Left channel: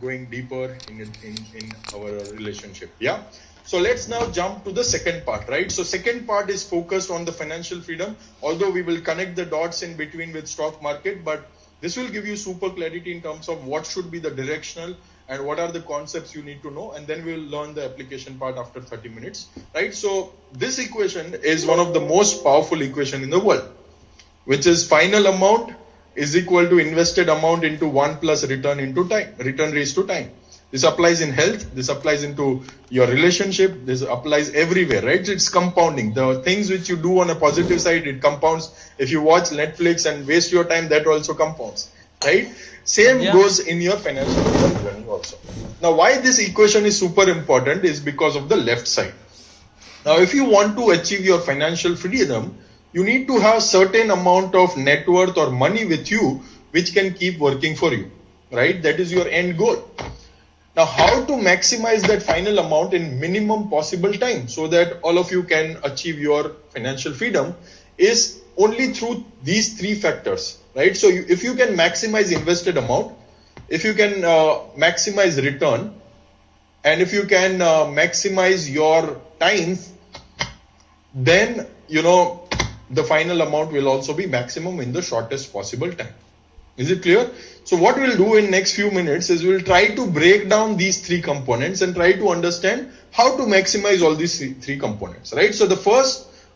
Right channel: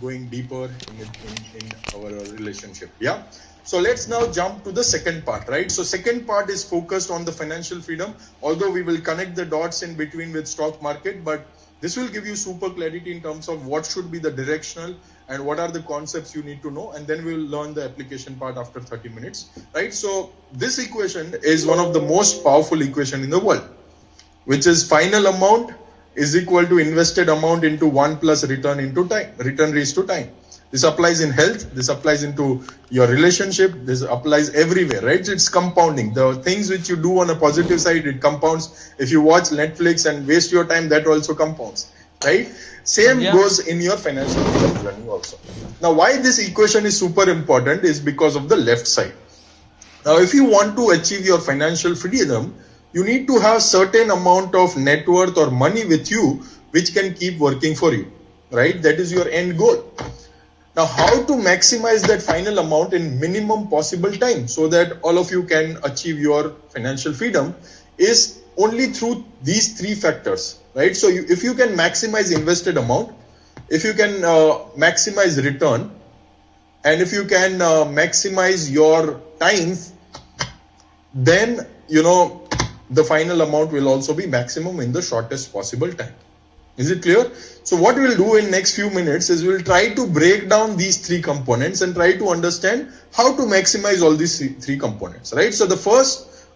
going deeper in our relationship. Yeah. So let's now jump to the second part, right? So second part is focused on the financial freedom, although we will connect the dots in between with stock market, but this will give you super clarity in terms of what should be the directional and what are the concepts you need to know, and then we'll learn the application part after 30 minutes, right? So this equation is one of the most powerful equation in the world, which is final amount is equal to invested amount into 1 plus return into time, return raised to time. This applies in health, this applies into your relationship, this applies everywhere, right? It's compounding. The things which you do on a positive side, it compounds. If you watch Netflix and waste your time, that also compounds, right? Same goes in your financial journey also. Now, why this equation is super important is because of the left side. Now, if you want to achieve your financial freedom, you need to have certain amount of net worth or money with you, which can keep working for you, right? That is your end goal. Now, how to maximize that final amount in minimum possible time so that all of you can achieve your financial freedom is only through these three factors, right? So if you can maximize invested amount, if you can maximize return, and if you can maximize your time, then, the final amount will also be maximum in the shortest possible time. Is it clear? So what we'll do in next few minutes is we'll try to break down these three components and try to understand how to maximize all these three components, right? So the first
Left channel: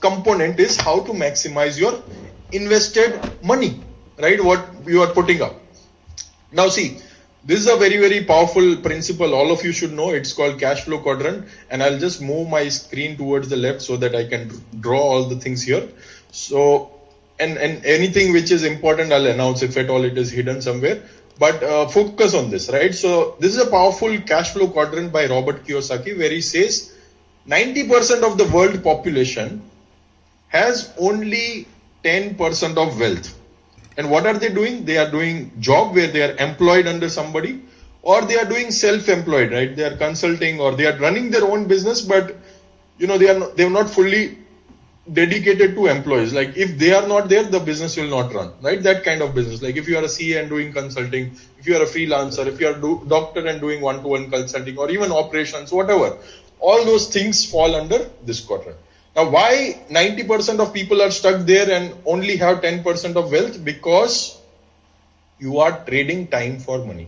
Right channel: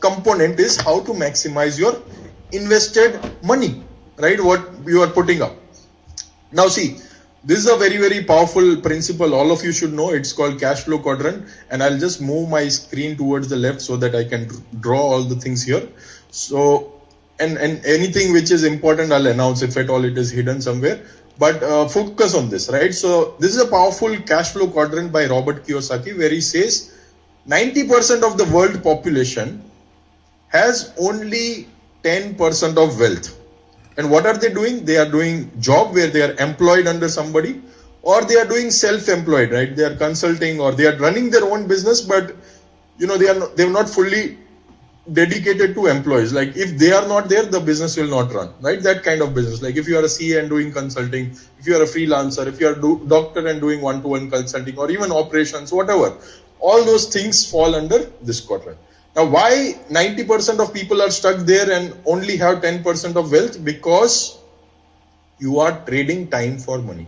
component is how to maximize your invested money, right? What you are putting up. Now see, this is a very, very powerful principle. All of you should know. It's called cash flow quadrant. And I'll just move my screen towards the left so that I can draw all the things here. So, and anything which is important, I'll announce if at all it is hidden somewhere. But focus on this, right? So this is a powerful cash flow quadrant by Robert Kiyosaki, where he says 90% of the world population has only 10% of wealth. And what are they doing? They are doing job where they are employed under somebody, or they are doing self-employed, right? They are consulting or they are running their own business, but they're not fully dedicated to employees. Like if they are not there, the business will not run, right? That kind of business. Like if you are a CA and doing consulting, if you are a freelancer, if you are a doctor and doing one-to-one consulting, or even operations, whatever, all those things fall under this quadrant. Now, why 90% of people are stuck there and only have 10% of wealth? Because you are trading time for money.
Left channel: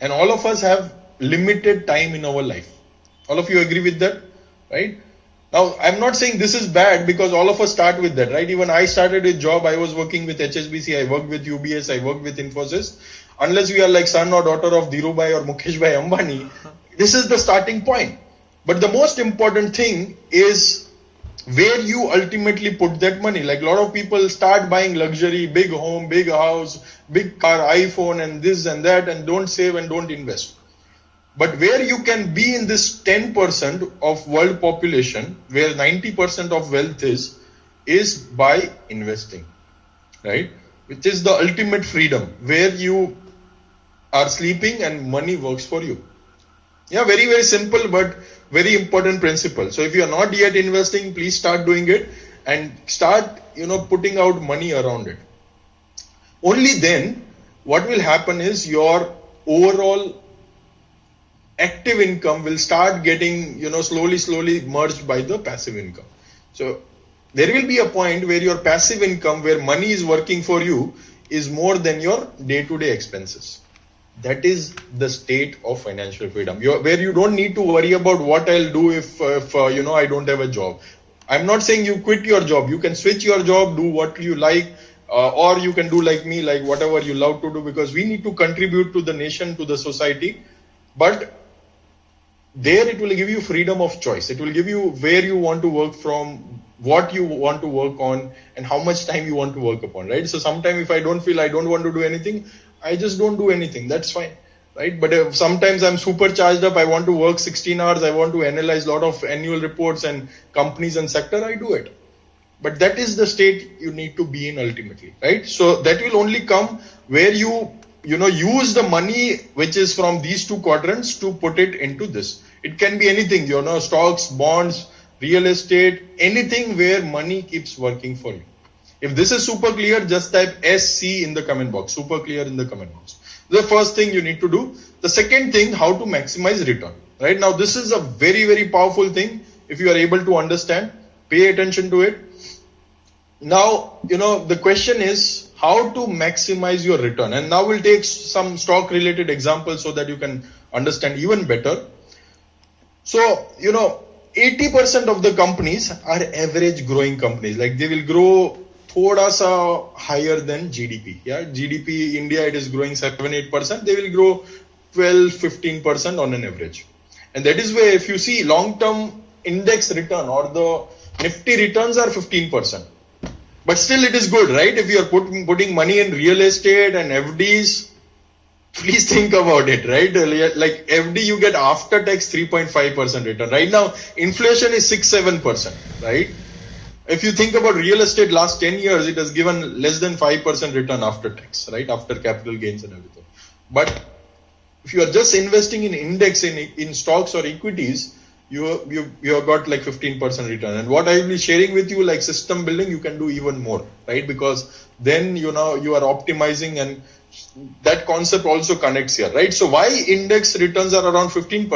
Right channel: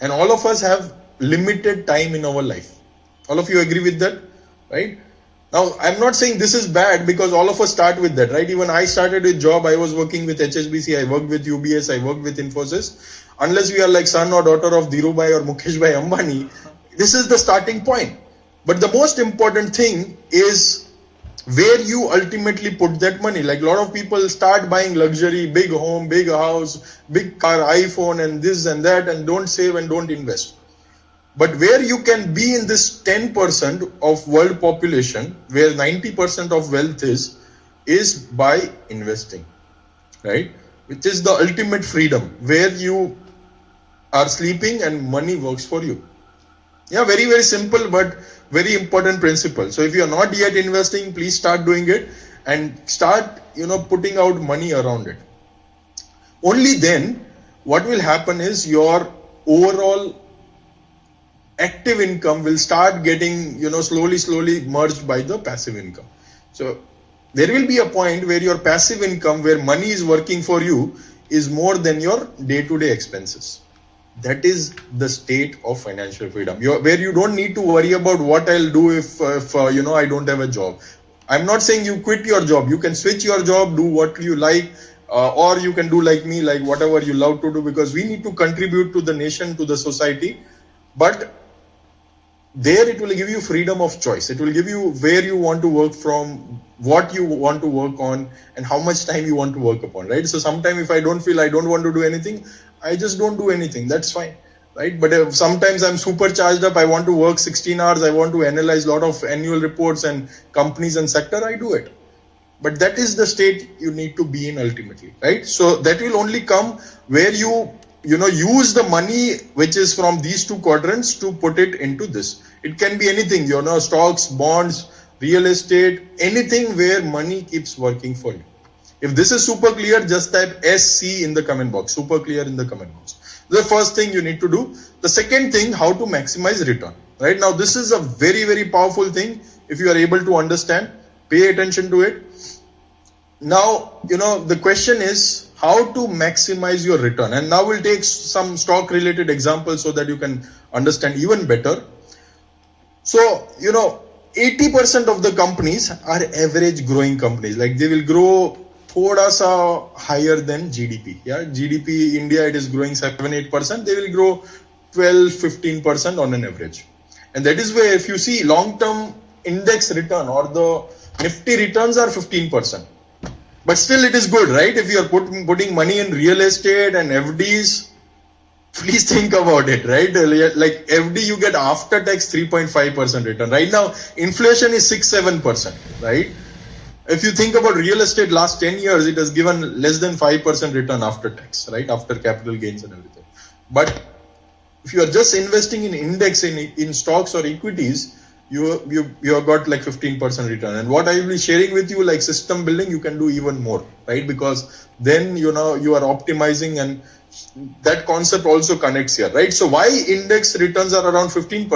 And all of us have limited time in our life. All of you agree with that, right? Now, I'm not saying this is bad because all of us start with that, right? Even I started a job. I was working with HSBC. I worked with UBS. I worked with Infosys. Unless we are like son or daughter of Dhirubhai or Mukesh Bhai Ambani, this is the starting point. But the most important thing is where you ultimately put that money. Like a lot of people start buying luxury, big home, big house, big car, iPhone and this and that, and don't save and don't invest. But where you can be in this 10% of world population, where 90% of wealth is by investing, right? Which is the ultimate freedom, where you are sleeping and money works for you. Yeah, very, very simple, but very important principle. So if you are not yet investing, please start doing it and start, putting out money around it. Only then what will happen is your overall active income will start getting, slowly merged by the passive income. So there will be a point where your passive income, where money is working for you, is more than your day-to-day expenses. That is the state of financial freedom, where you don't need to worry about what I'll do if I don't have a job. I'm not saying you quit your job. You can switch your job, do what you like, or you can do like me, like whatever you love to do, because we need to contribute to the nation, to the society. But there it will give you freedom of choice. It will give you where you want to work from, what you want to work on, and how much time you want to work upon, right? So sometimes if I don't feel I don't want to do anything, I just don't do anything. That's fine, right? But if sometimes I'm super charged up, I want to work 16 hours, I want to analyze a lot of annual reports and companies and sector, I do it. But that is the state you need to be in ultimately, right? So that will only come where you use the money which is from these two quadrants to put it into this. It can be anything, stocks, bonds, real estate, anything where money keeps working for you. If this is super clear, just type SC in the comment box. Super clear in the comment box. The first thing you need to do. The second thing, how to maximize return. Right now, this is a very, very powerful thing. If you are able to understand, pay attention to it. Now, the question is how to maximize your return. And now we'll take some stock related examples so that you can understand even better. So, 80% of the companies are average growing companies. Like they will grow thoda sa higher than GDP. Yeah, GDP India, it is growing 7-8%. They will grow 12-15% on an average. And that is where if you see long-term index return or the Nifty returns are 15%. But still it is good, right? If you are putting money in real estate and FDs, please think about it, right? Like FD you get after tax 3.5% return. Right now, inflation is 6-7%, right? If you think about real estate last 10 years, it has given less than 5% return after tax, right? After capital gains and everything. But if you are just investing in index in stocks or equities, you have got like 15% return. And what I will be sharing with you, like system building, you can do even more, right? Because then you are optimizing, and that concept also connects here, right? So why index returns are around 15%?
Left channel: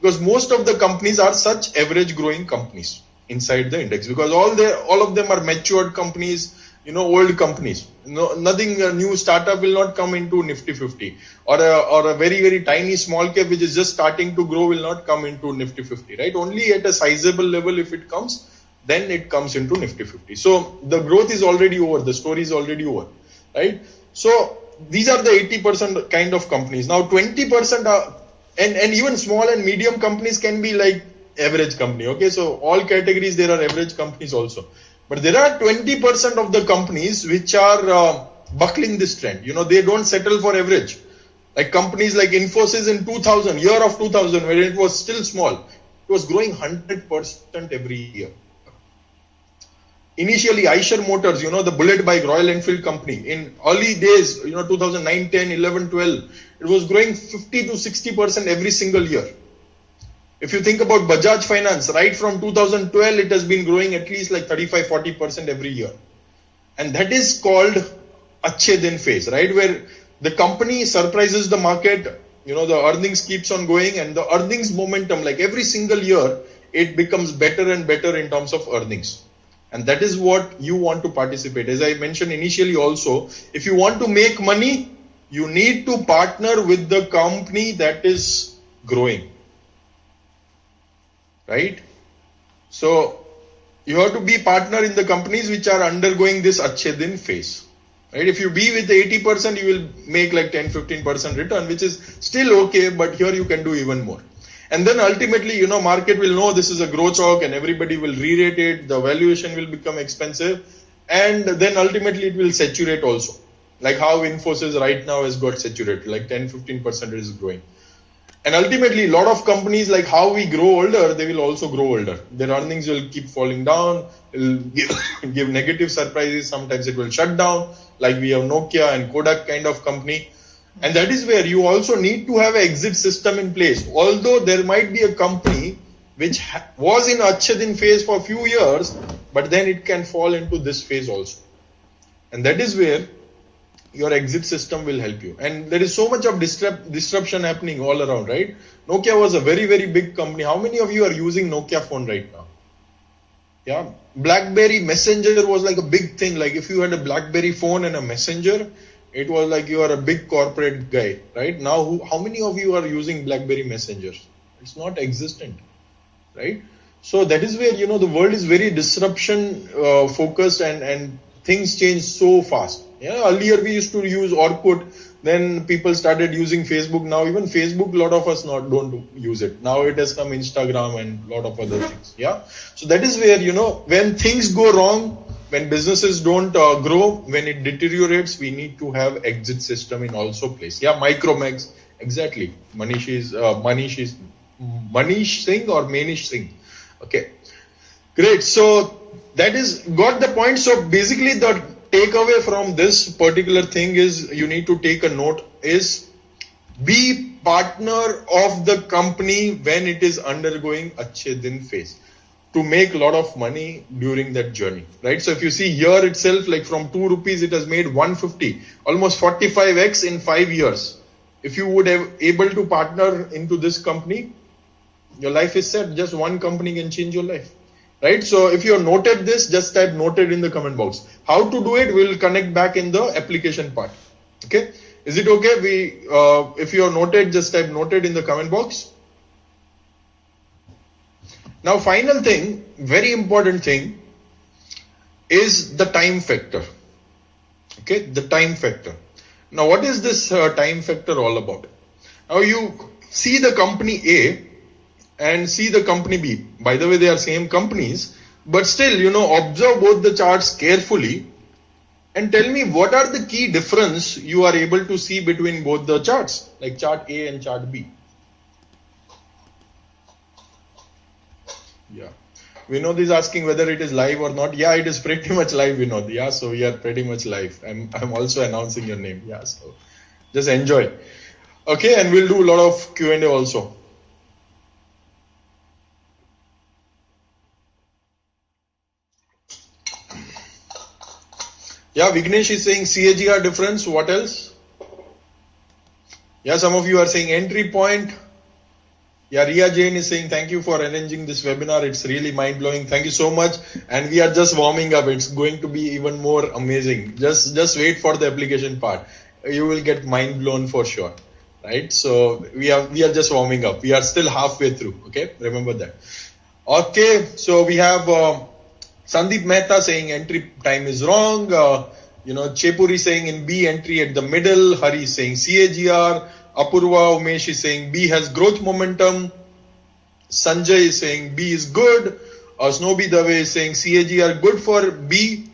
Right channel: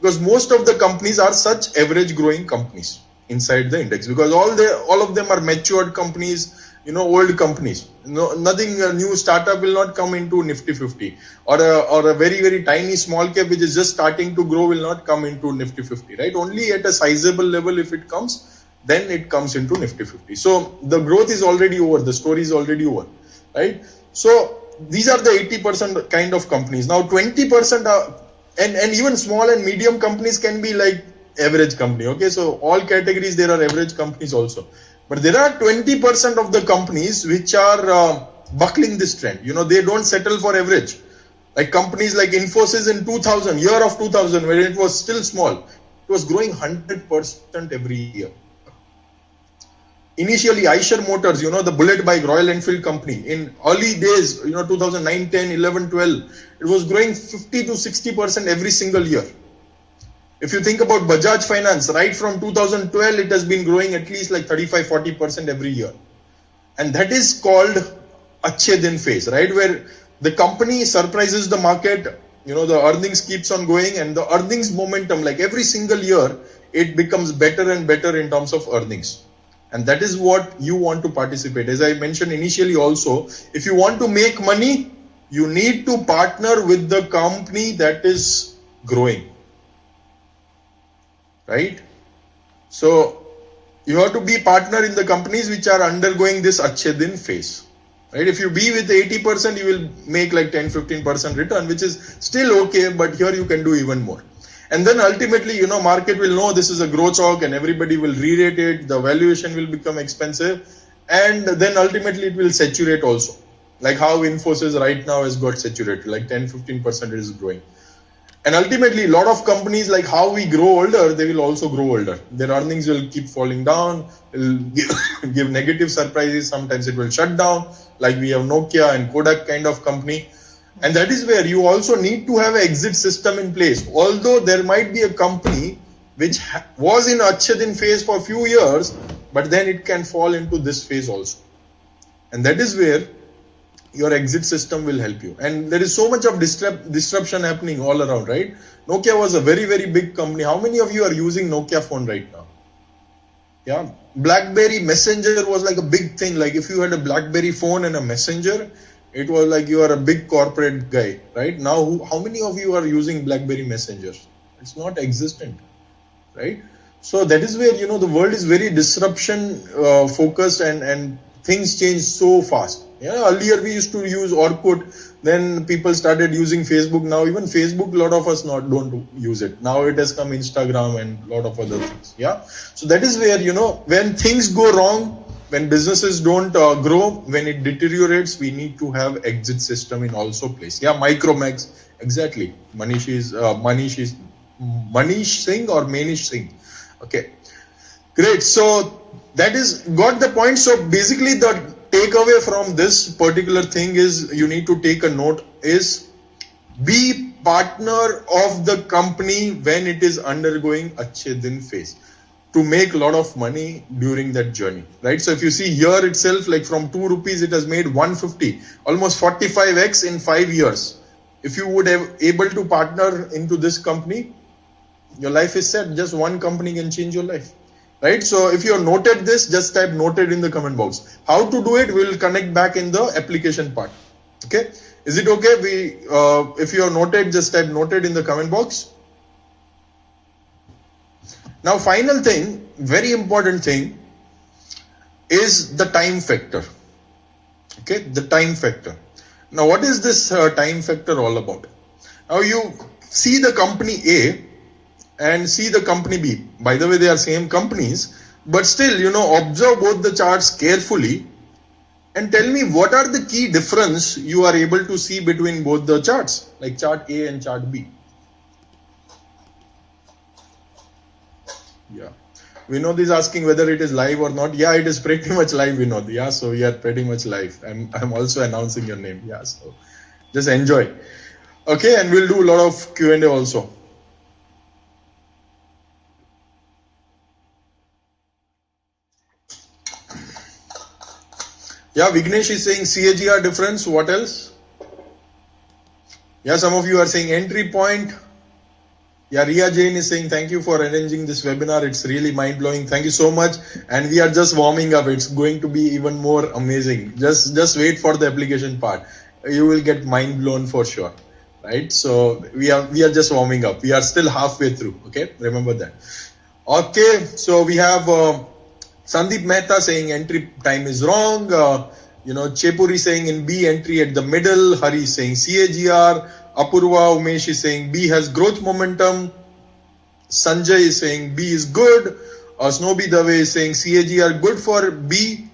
Because most of the companies are such average growing companies inside the index, because all of them are matured companies, old companies. Nothing new startup will not come into Nifty 50, or a very, very tiny small cap which is just starting to grow will not come into Nifty 50, right? Only at a sizable level, if it comes, then it comes into Nifty 50. So the growth is already over, the story is already over, right? So these are the 80% kind of companies. Now 20% are, and even small and medium companies can be like average company. Okay, so all categories there are average companies also. But there are 20% of the companies which are buckling this trend. They don't settle for average. Like companies like Infosys in 2000, year of 2000, when it was still small, it was growing 100% every year. Initially, Eicher Motors, the bullet bike, Royal Enfield company, in early days, 2009, 10, 11, 12, it was growing 50 to 60% every single year. If you think about Bajaj Finance, right from 2012, it has been growing at least like 35-40% every year. And that is called Achhe Din phase, right? Where the company surprises the market, the earnings keeps on going, and the earnings momentum, like every single year, it becomes better and better in terms of earnings. And that is what you want to participate. As I mentioned initially also, if you want to make money, you need to partner with the company that is growing. Right? So you have to be partner in the companies which are undergoing this Achhe Din phase. Right? If you be with 80%, you will make like 10-15% return, which is still okay, but here you can do even more. And then ultimately, market will know this is a growth stock and everybody will re-rate it, the valuation will become expensive, and then ultimately it will saturate also. Like how Infosys right now has got saturated, like 10-15% is growing. And ultimately, a lot of companies, like how we grow older, they will also grow older. Their earnings will keep falling down, will give negative surprises. Sometimes it will shut down, like we have Nokia and Kodak kind of company. And that is where you also need to have an exit system in place. Although there might be a company which was in Achhe Din phase for a few years, but then it can fall into this phase also. And that is where your exit system will help you. And there is so much of disruption happening all around, right? Nokia was a very, very big company. How many of you are using Nokia phone right now? Yeah. BlackBerry Messenger was like a big thing. Like if you had a BlackBerry phone and a Messenger, it was like you are a big corporate guy, right? Now, how many of you are using BlackBerry Messenger? It's not existent, right? So that is where, the world is very disruption focused, and things change so fast. Yeah, earlier we used to use Orkut, then people started using Facebook. Now even Facebook, a lot of us don't use it. Now it has come Instagram and a lot of other things. Yeah, so that is where, when things go wrong, when businesses don't grow, when it deteriorates, we need to have exit system in also place. Yeah, Micromax, exactly. Manish Singh or Manish Singh. Okay, great. So that is got the point. So basically the takeaway from this particular thing is you need to take a note is be partner of the company when it is undergoing Achhe Din phase to make a lot of money during that journey, right? So if you see here itself, like from 2 rupees, it has made 150, almost 45x in 5 years. if you would have able to partner into this company, your life is set. Just one company can change your life, right? So if you have noted this, just type noted in the comment box. How to do it, we'll connect back in the application part. Okay, is it okay? If you have noted, just type noted in the comment box. Now, final thing, very important thing, is the time factor. Okay, the time factor. Now, what is this time factor all about? Now, you see the company A and see the company B. By the way, they are same companies, but still, observe both the charts carefully and tell me what are the key difference you are able to see between both the charts, like chart A and chart B. Yeah. Vinod is asking whether it is live or not. Yeah, it is pretty much live, Vinod. Yeah, so we are pretty much live. I'm also announcing your name. Yeah, so just enjoy. Okay, and we'll do a lot of Q&A also. Yeah, Vignesh is saying CAGR difference. What else? Yeah, some of you are saying entry point. Yeah, Ria Jain is saying thank you for arranging this webinar. It's really mind-blowing. Thank you so much. And we are just warming up. It's going to be even more amazing. Just wait for the application part. You will get mind blown for sure. Right? So we are just warming up. We are still halfway through. Okay, remember that. Okay, so we have Sandeep Mehta saying entry time is wrong. Chepuri saying in B entry at the middle. Hari saying CAGR. Apurva Umesh is saying B has growth momentum. Sanjay is saying B is good. Snowy Dave is saying CAGR good for B.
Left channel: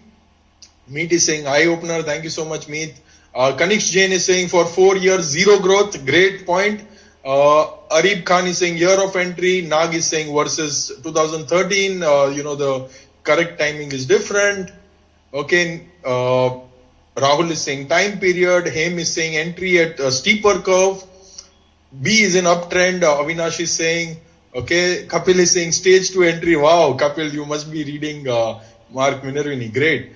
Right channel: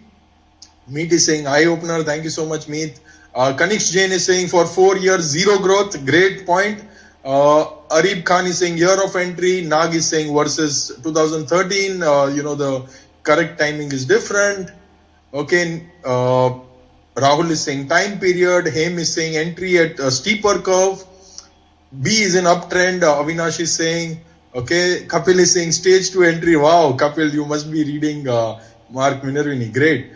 Meet is saying eye opener. Thank you so much, Meet. Kanix Jain is saying for 4 years, zero growth. Great point. Arib Khan is saying year of entry. Nag is saying versus 2013. The correct timing is different. Okay. Rahul is saying time period. Haim is saying entry at a steeper curve. B is in uptrend. Avinash is saying, okay. Kapil is saying stage 2 entry. Wow, Kapil, you must be reading Mark Minervini. Great.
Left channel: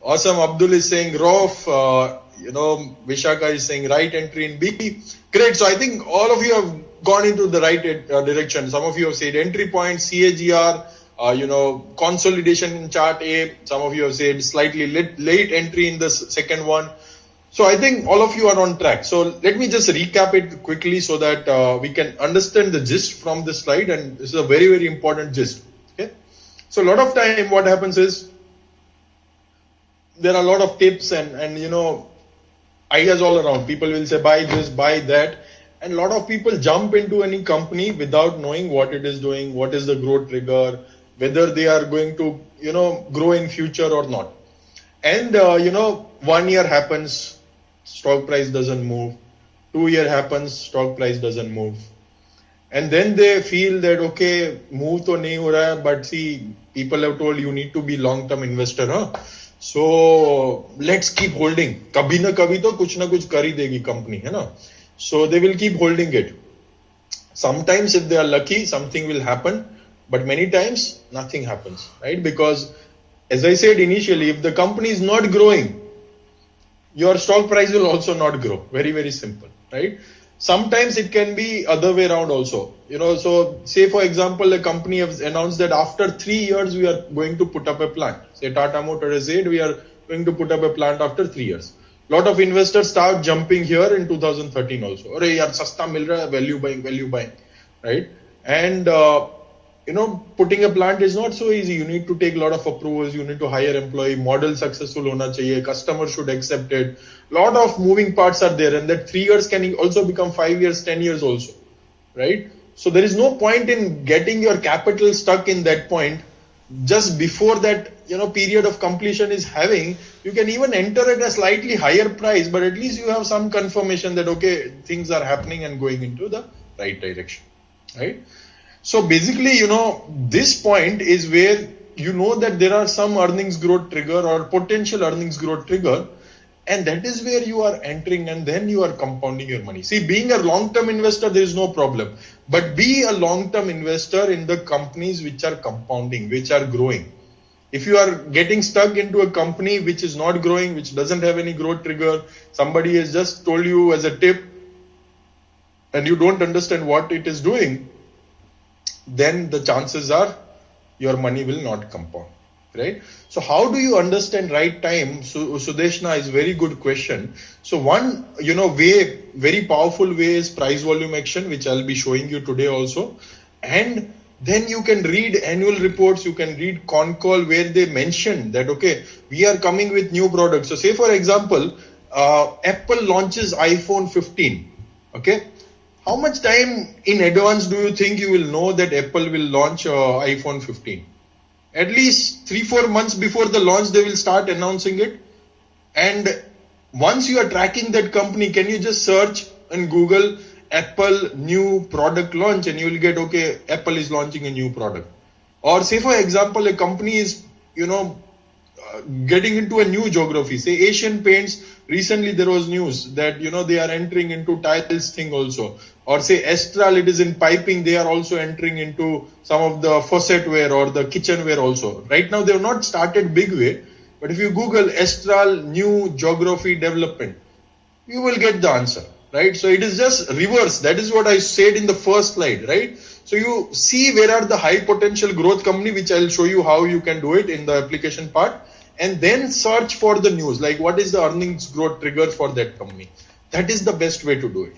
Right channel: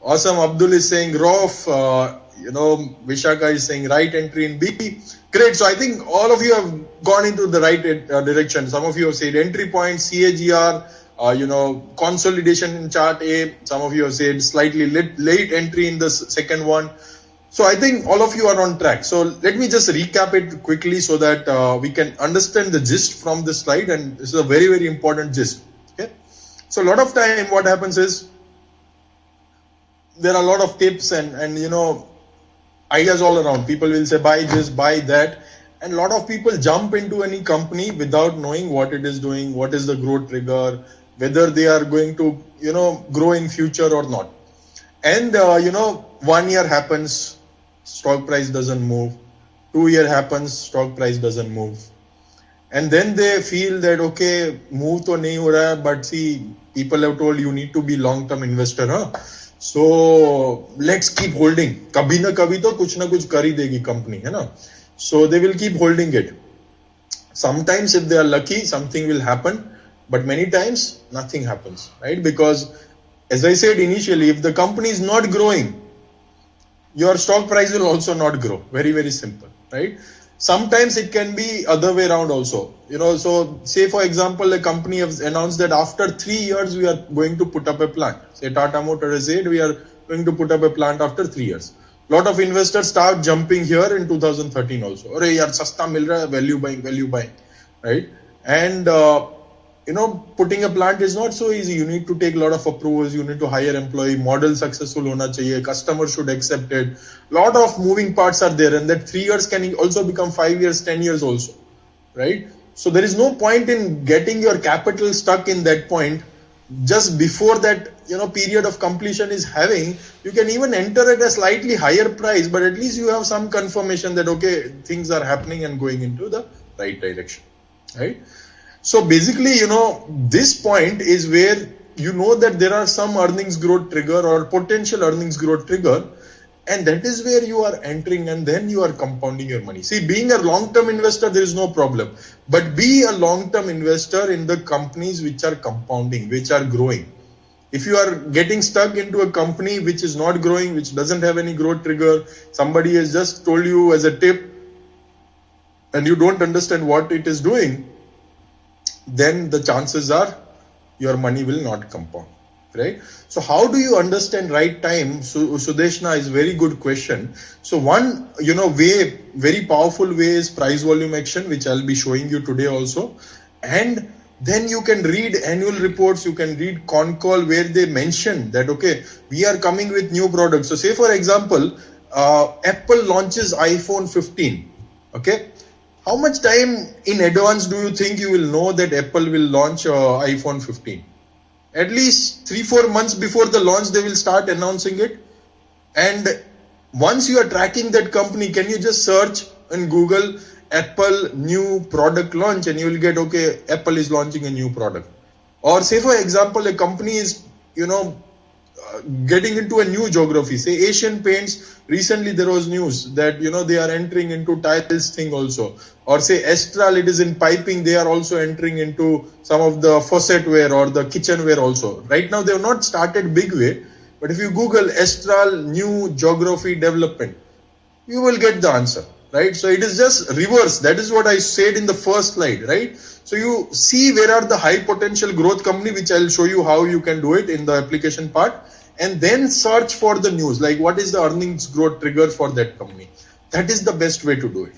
Awesome. Abdul is saying Rof. Vishaka is saying right entry in B. Great. So I think all of you have gone into the right direction. Some of you have said entry point, CAGR, consolidation in chart A. Some of you have said slightly late entry in the second one. So I think all of you are on track. So let me just recap it quickly so that we can understand the gist from this slide. And this is a very, very important gist. Okay. So a lot of time what happens is there are a lot of tips and ideas all around. People will say buy this, buy that. And a lot of people jump into any company without knowing what it is doing, what is the growth trigger, whether they are going to, grow in future or not. And, 1 year happens, stock price doesn't move. 2 year happens, stock price doesn't move. And then they feel that, okay, move to nahi ho raha hai, but see, people have told you need to be long-term investor, huh? So let's keep holding. Kabhi na kabhi to kuch na kuch kar hi degi company, hai na? So they will keep holding it. Sometimes if they are lucky, something will happen. But many times, nothing happens, right? Because as I said initially, if the company is not growing, your stock price will also not grow. Very, very simple, right? Sometimes it can be other way around also. So say for example, a company has announced that after 3 years, we are going to put up a plant. Say Tata Motors has said we are going to put up a plant after 3 years. Lot of investors start jumping here in 2013 also. Arey yaar, sasta mil raha hai, value buying, right? And, putting a plant is not so easy. You need to take a lot of approvals. You need to hire employee. Model successful hona chahiye. Customer should accept it. Lot of moving parts are there. And that 3 years can also become 5 years, 10 years also, right? So there is no point in getting your capital stuck in that point. Just before that, period of completion is having, you can even enter at a slightly higher price, but at least you have some confirmation that, okay, things are happening and going into the right direction, right? So basically, this point is where that there are some earnings growth trigger or potential earnings growth trigger, and that is where you are entering and then you are compounding your money. See, being a long-term investor, there is no problem. But be a long-term investor in the companies which are compounding, which are growing. If you are getting stuck into a company which is not growing, which doesn't have any growth trigger, somebody has just told you as a tip, and you don't understand what it is doing, then the chances are your money will not compound, right? So how do you understand right time? So Sudeshna is very good question. So one, way, very powerful way is price volume action, which I'll be showing you today also. And then you can read annual reports, you can read con call where they mention that, okay, we are coming with new products. So say for example, Apple launches iPhone 15, okay? How much time in advance do you think you will know that Apple will launch iPhone 15? At least 3-4 months before the launch, they will start announcing it. And once you are tracking that company, can you just search in Google Apple new product launch and you will get, okay, Apple is launching a new product. Or say for example, a company is, getting into a new geography. Say Asian Paints, recently there was news that, they are entering into tiles thing also. Or say Astral, it is in piping, they are also entering into some of the faucetware or the kitchenware also. Right now they have not started big way, but if you Google Astral new geography development, you will get the answer, right? So it is just reverse. That is what I said in the first slide, right? So you see where are the high potential growth company, which I'll show you how you can do it in the application part, and then search for the news, like what is the earnings growth trigger for that company. That is the best way to do it,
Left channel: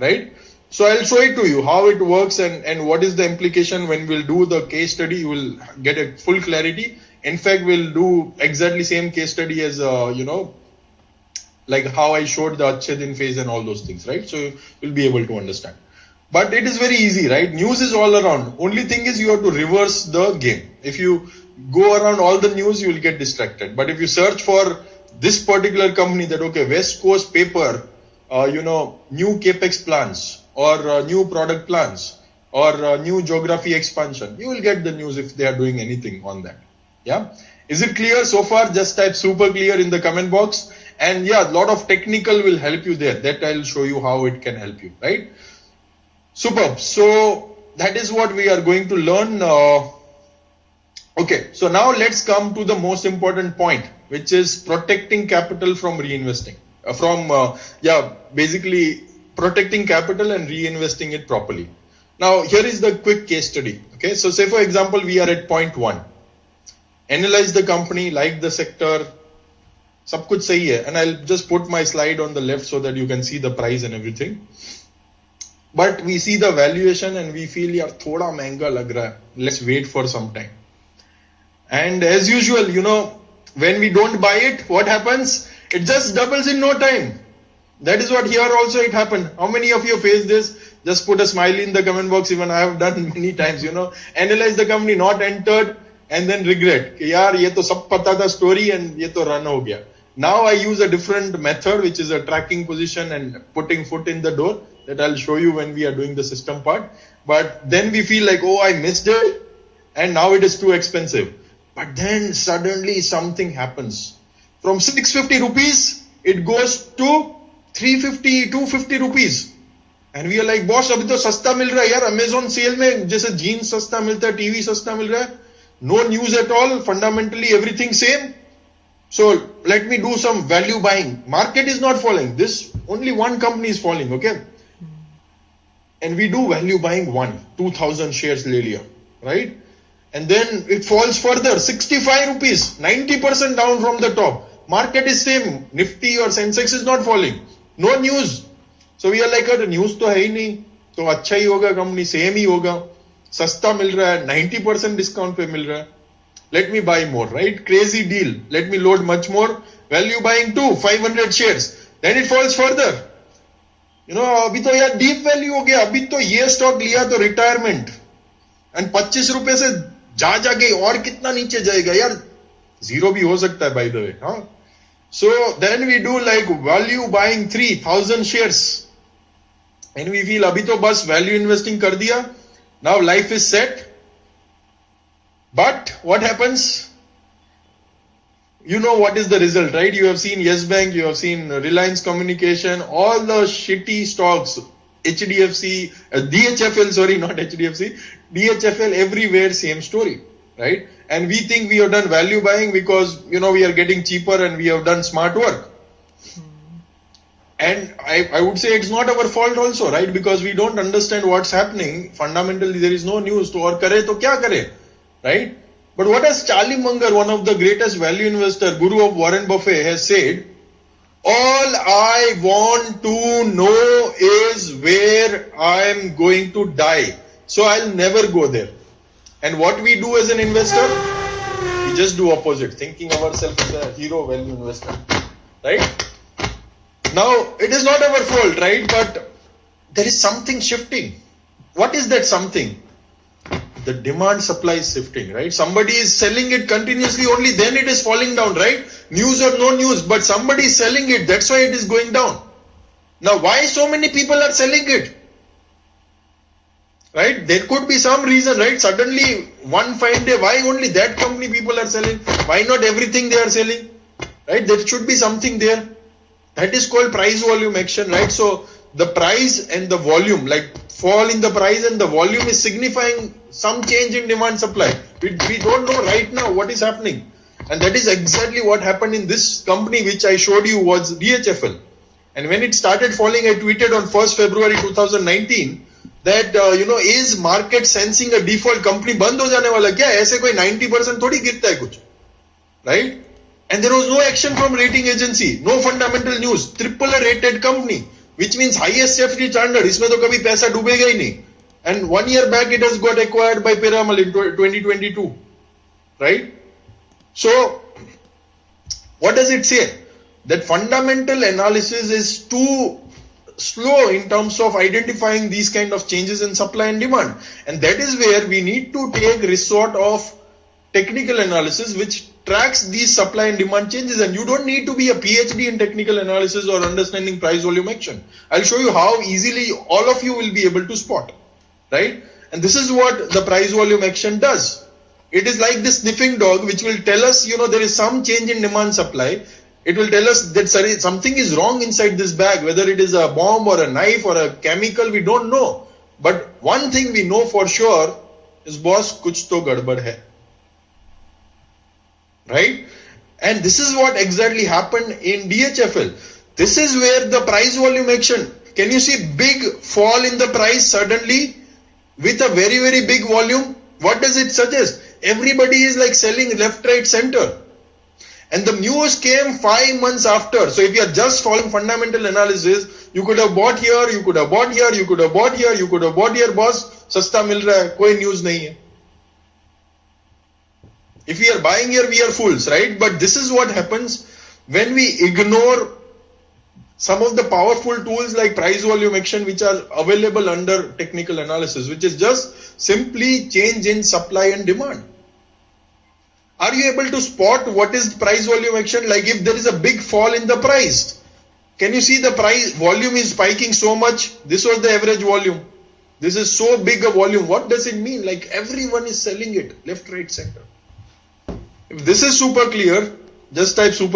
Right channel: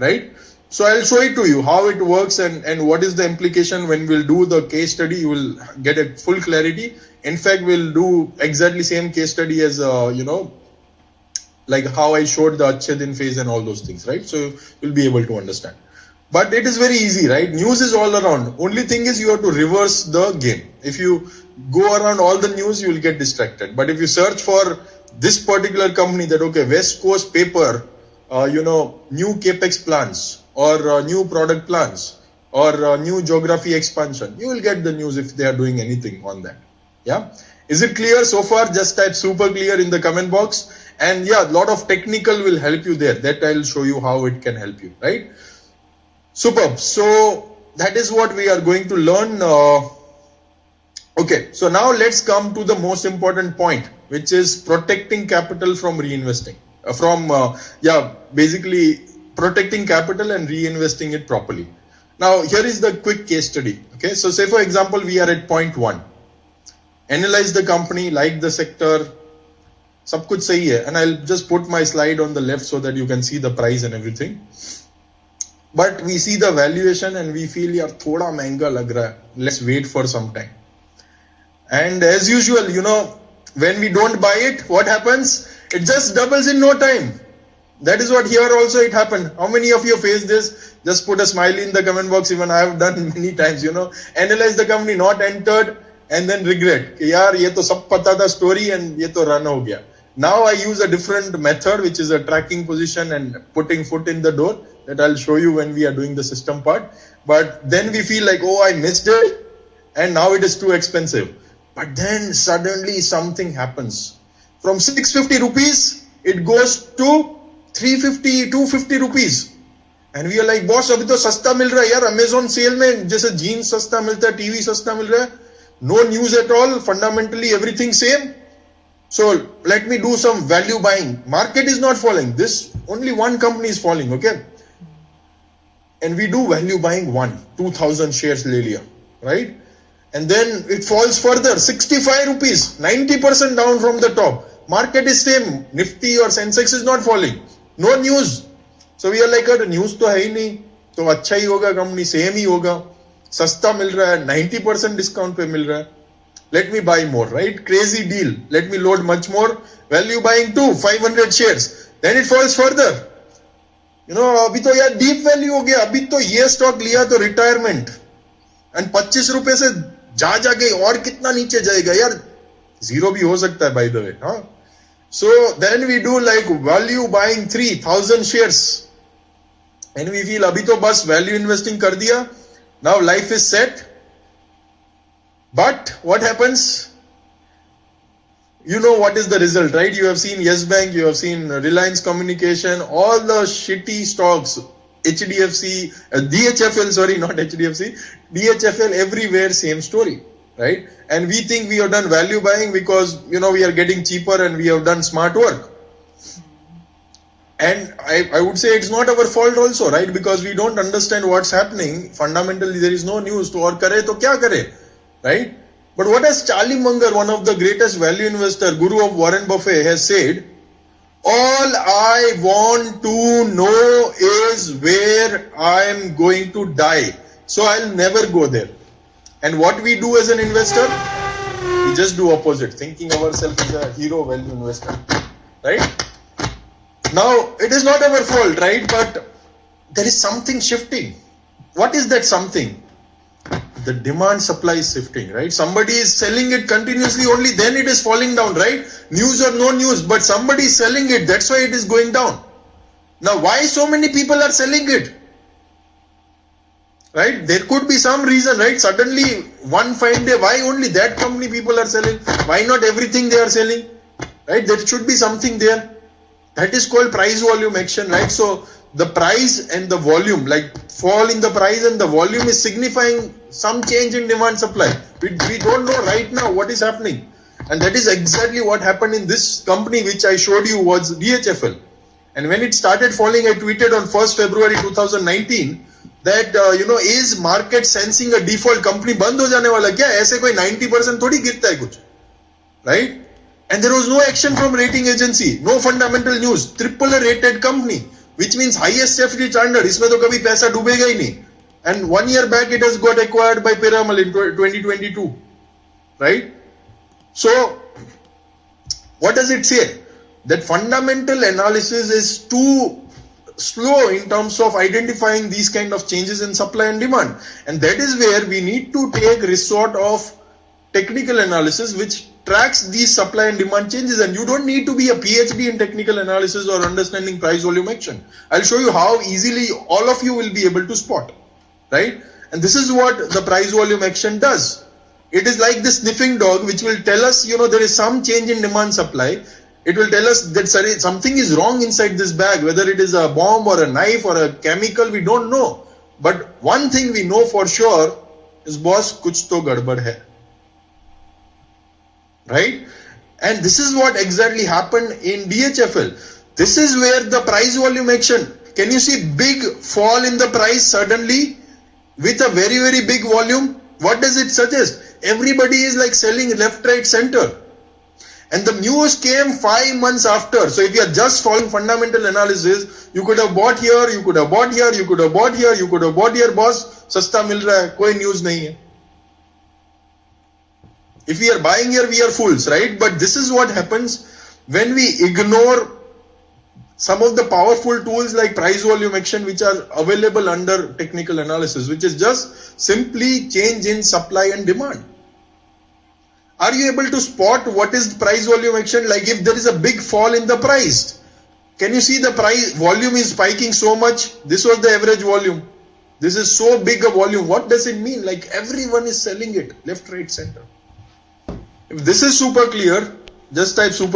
right? So I'll show it to you how it works and what is the implication. When we'll do the case study, you will get a full clarity. In fact, we'll do exactly same case study as, like how I showed the Achhe Din phase and all those things, right? So you'll be able to understand. But it is very easy, right? News is all around. Only thing is you have to reverse the game. If you go around all the news, you will get distracted. But if you search for this particular company that, okay, West Coast Paper, new capex plans or new product plans or new geography expansion, you will get the news if they are doing anything on that. Yeah. Is it clear so far? Just type super clear in the comment box. And yeah, a lot of technical will help you there. That I'll show you how it can help you, right? Superb. So that is what we are going to learn. Okay, so now let's come to the most important point, which is protecting capital from reinvesting. Basically protecting capital and reinvesting it properly. Now, here is the quick case study. Okay, so say for example, we are at point 1. Analyze the company, like the sector, सब कुछ सही है, and I'll just put my slide on the left so that you can see the price and everything. But we see the valuation and we feel यार थोड़ा महंगा लग रहा है. Let's wait for some time. And as usual, when we don't buy it, what happens? It just doubles in no time. That is what here also it happened. How many of you face this? Just put a smiley in the comment box. Even I have done many times, Analyze the company, not entered, and then regret. यार ये तो सब पता था story and ये तो run हो गया. Now I use a different method, which is a tracking position and putting foot in the door, that I'll show you when we are doing the system part. But then we feel like, oh, I missed it and now it is too expensive. But then suddenly something happens. From 650 rupees, it goes to 350, 250 rupees. And we are like, boss, अभी तो सस्ता मिल रहा है यार, Amazon sale में जैसे jeans सस्ता मिलता है, TV सस्ता मिल रहा है, no news at all, fundamentally everything same. So let me do some value buying. Market is not falling. This only one company is falling, okay? And we do value buying 2,000 shares ले लिया, right? And then it falls further, 65 rupees, 90% down from the top. Market is same, Nifty or Sensex is not falling. No news. So we are like, news तो है ही नहीं, तो अच्छा ही होगा, company same ही होगा, सस्ता मिल रहा है, 90% discount पे मिल रहा है. Let me buy more, right? Crazy deal. Let me load much more. Value buying 500 shares. Then it falls further. अभी तो यार deep value हो गया, अभी तो ये stock लिया तो retirement. And 25 रुपए से जाके और कितना नीचे जाएगा यार, zero भी हो सकता है by the way, हाँ? So then we do like value buying 3,000 shares. And we feel अभी तो बस value investing कर दिया. Now life is set. But what happens? You know what is the result, right? You have seen Yes Bank, you have seen Reliance Communication, all the shitty stocks, HDFC, DHFL, sorry, not HDFC, DHFL, everywhere, same story, right? And we think we have done value buying because, we are getting cheaper and we have done smart work. And I would say it's not our fault also, right? Because we don't understand what's happening. Fundamentally, there is no news. To aur kare to kya kare, right? But what has Charlie Munger, one of the greatest value investor, guru of Warren Buffett, has said, all I want to know is where I am going to die. So I'll never go there. And what we do as an investor, we just do opposite, thinking ourselves as a hero value investor, right? Now, it is not our fault, right? But there is something shifting. What is that something? The demand supply is shifting, right? Somebody is selling it continuously, only then it is falling down, right? News or no news, but somebody is selling it, that's why it is going down. Now, why so many people are selling it? Right? There could be some reason, right? Suddenly, one fine day, why only that company people are selling? Why not everything they are selling? Right? There should be something there. That is called price volume action, right? So the price and the volume, like fall in the price and the volume is signifying some change in demand supply. We don't know right now what is happening. And that is exactly what happened in this company which I showed you was DHFL. And when it started falling, I tweeted on 1st February 2019 that, is market sensing a default? Company बंद हो जाने वाला क्या? ऐसे कोई 90% थोड़ी गिरता है कुछ, right? And there was no action from rating agency, no fundamental news, AAA rated company, which means highest safety standard. इसमें तो कभी पैसा डूबेगा ही नहीं. And 1 year back it has got acquired by Piramal in 2022, right? So what does it say? That fundamental analysis is too slow in terms of identifying these kind of changes in supply and demand. And that is where we need to take resort of technical analysis which tracks these supply and demand changes. And you don't need to be a PhD in technical analysis or understanding price volume action. I'll show you how easily all of you will be able to spot, right? And this is what the price volume action does. It is like the sniffing dog which will tell us, there is some change in demand supply. It will tell us that something is wrong inside this bag, whether it is a bomb or a knife or a chemical, we don't know. But one thing we know for sure is, boss, kuch to gadbad hai. Right? And this is what exactly happened in DHFL. This is where the price volume action, can you see big fall in the price suddenly with a very, very big volume? What does it suggest? Everybody is like selling left, right, center. And the news came 5 months after. So if you are just following fundamental analysis, you could have bought here, you could have bought here, you could have bought here, you could have bought here, boss, sasta mil raha hai, koi news nahi hai. If we are buying here, we are fools, right? But this is what happens when we ignore some of the powerful tools like price volume action which are available under technical analysis, which is just simply change in supply and demand. Are you able to spot what is price volume action? Like if there is a big fall in the price, can you see the price volume is spiking so much? This was the average volume. This is so big a volume. What does it mean? Like everyone is selling it left, right, center. If this is super clear, just type super